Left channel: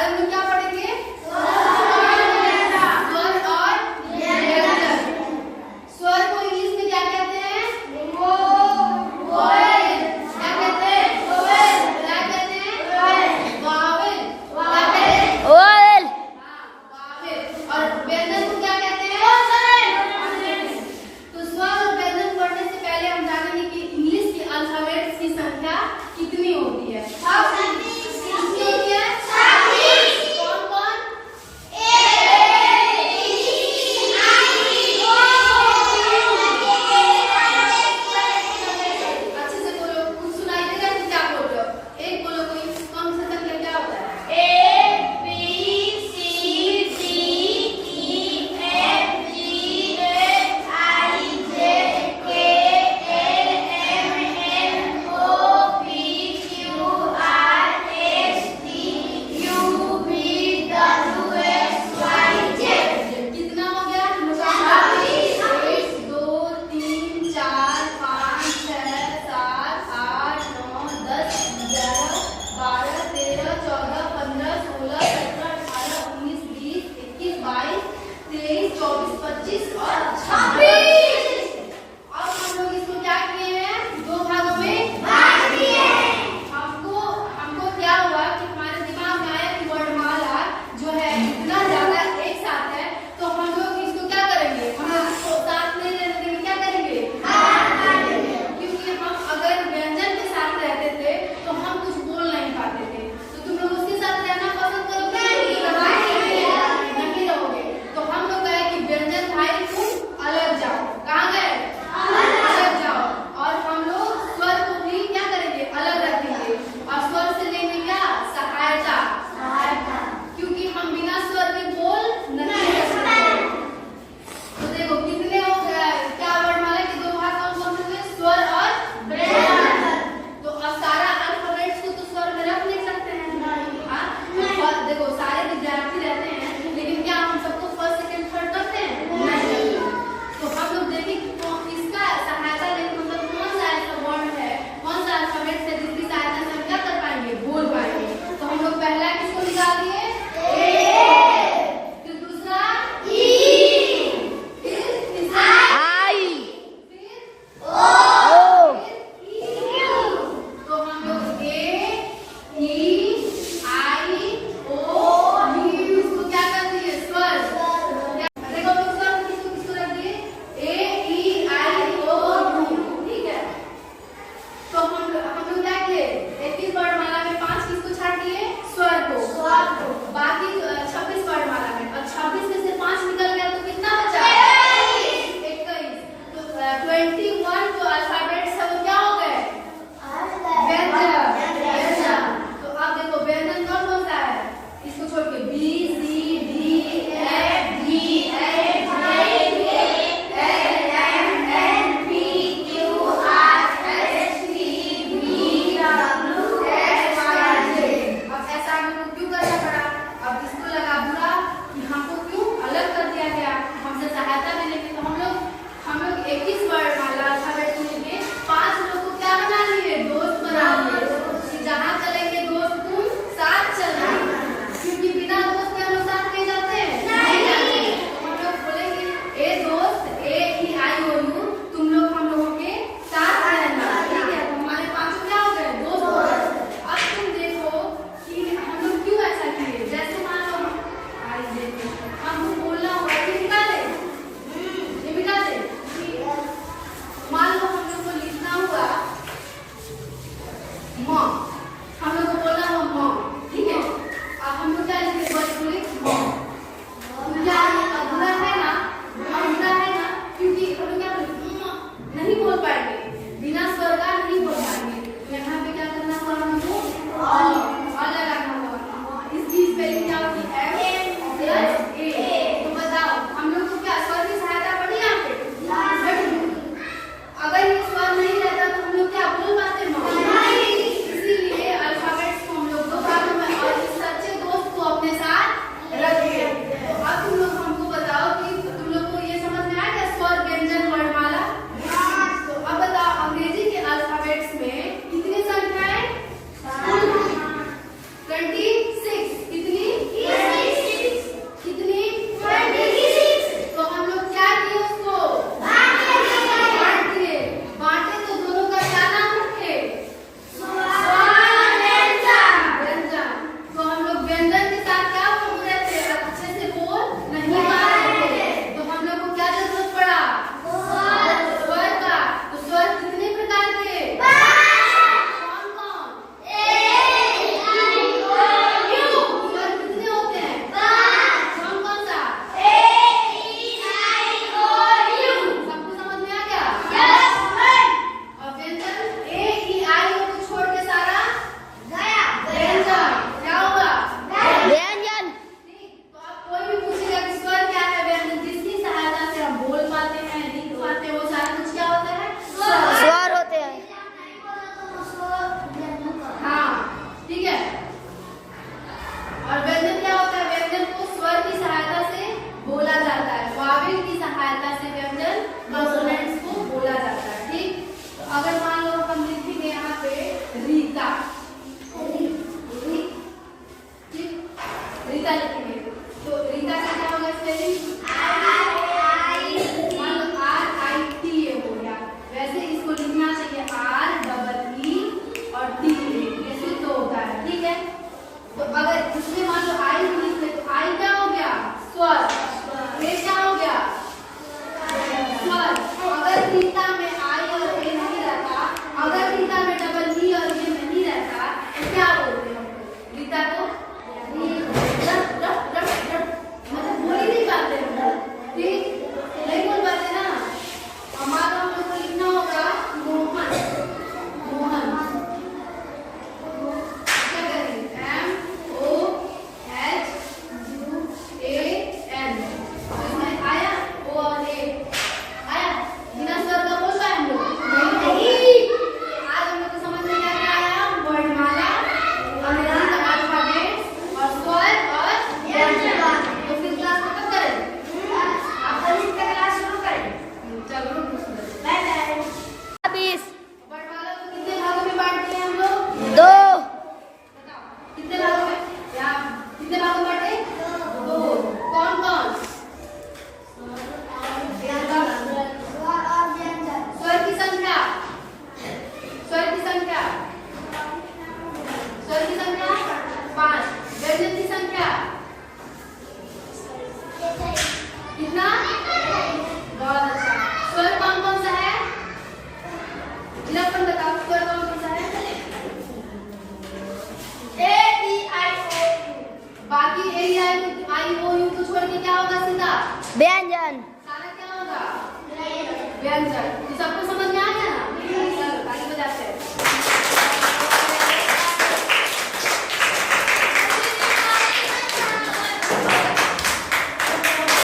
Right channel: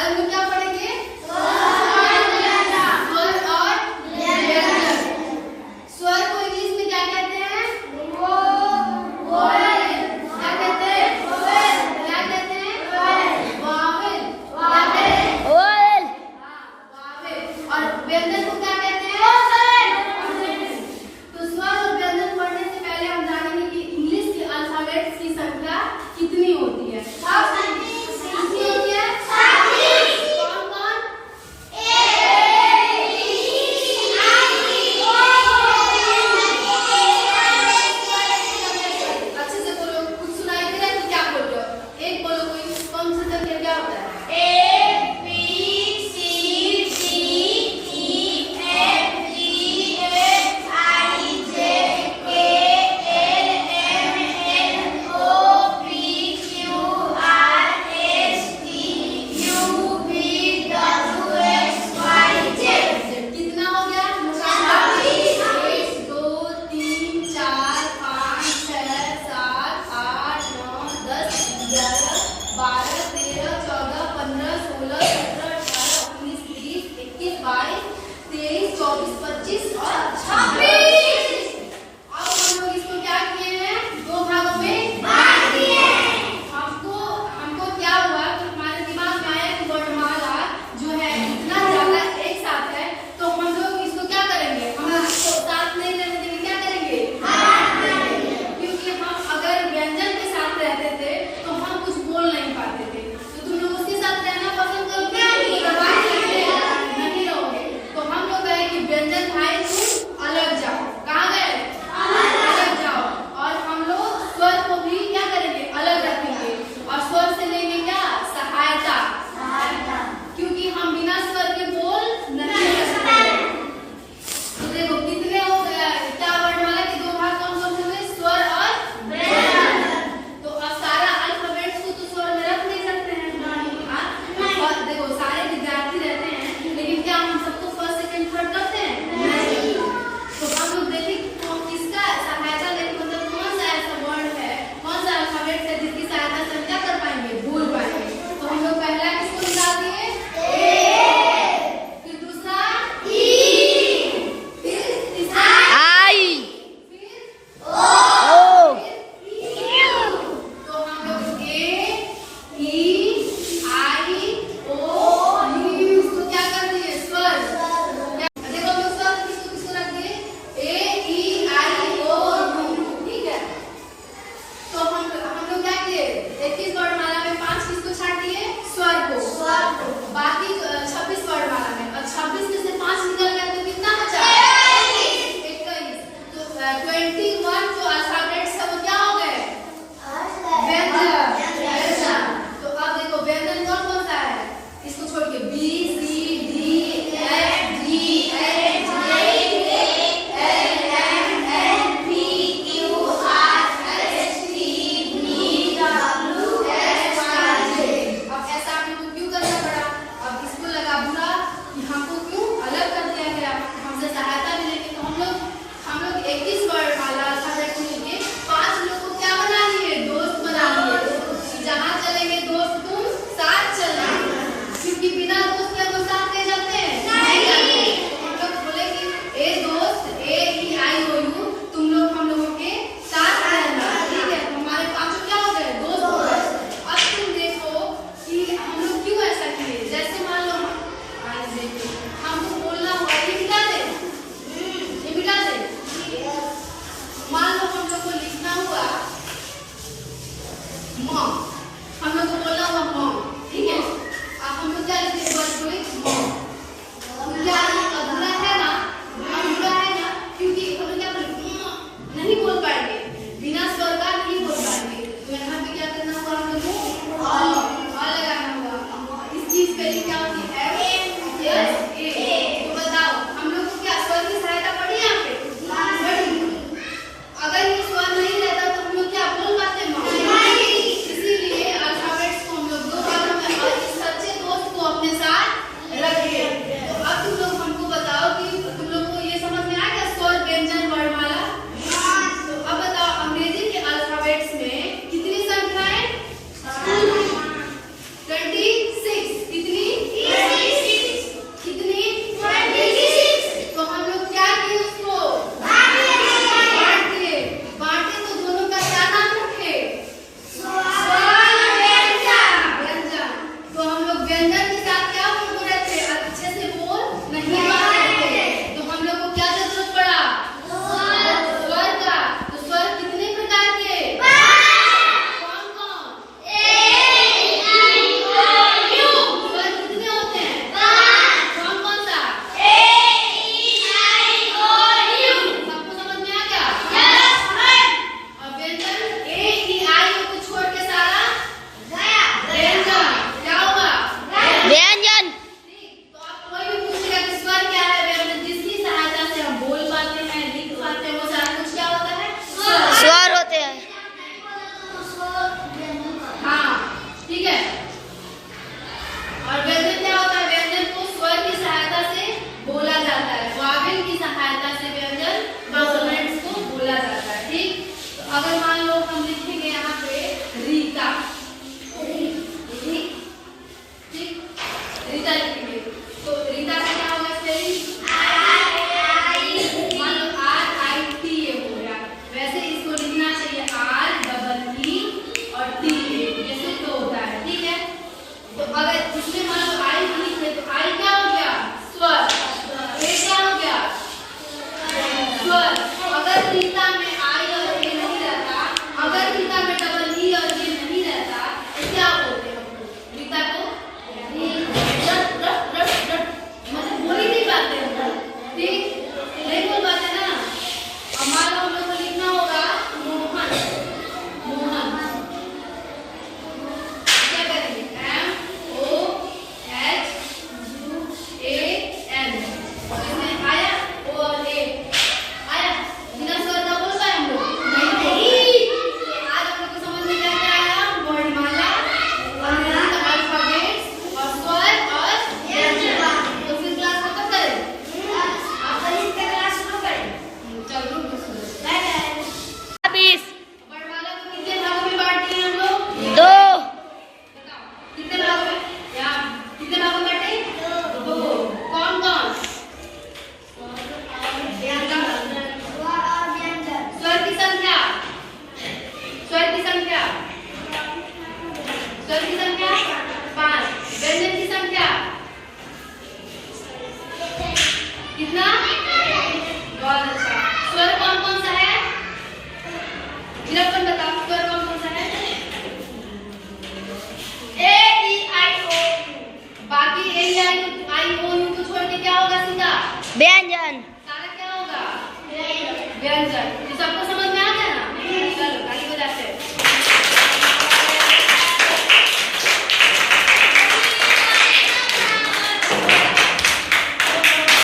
अब हम क्या पढ़ेंगे? स्वर को इंग्लिश में क्या कहते हैं? वोवेल। क्या कहते हैं? वोवेल। क्या कहते हैं? वावेल। क्या कहते हैं? वोवेल। वावेल। और व्यंजन को क्या कहते हैं? कॉन्सोनेंट। तो स्वर और व्यंजन पढ़ने से पहले हम जानेंगे कि इंग्लिश के अल्फाबेट्स की संख्या कितनी होती है। कितनी होती है? 36। कौन कितने भागों में? यहाँ कितने भागों में बैठे? दो। कौन कौन? स्वर की संख्या। स्वर की संख्या। स्वर की संख्या 5। व्यंजन की संख्या कितना? बहुत अच्छा। स्वर कौन कौन सा है? विलक्षण बताओ, स्वर कौन कौन सा है? ए ई आई ओ यू। बाकी ए ई आई ओ यू को छोड़ के क्या होगा सीधा? व्यंजन। सारा क्या होगा? व्यंजन।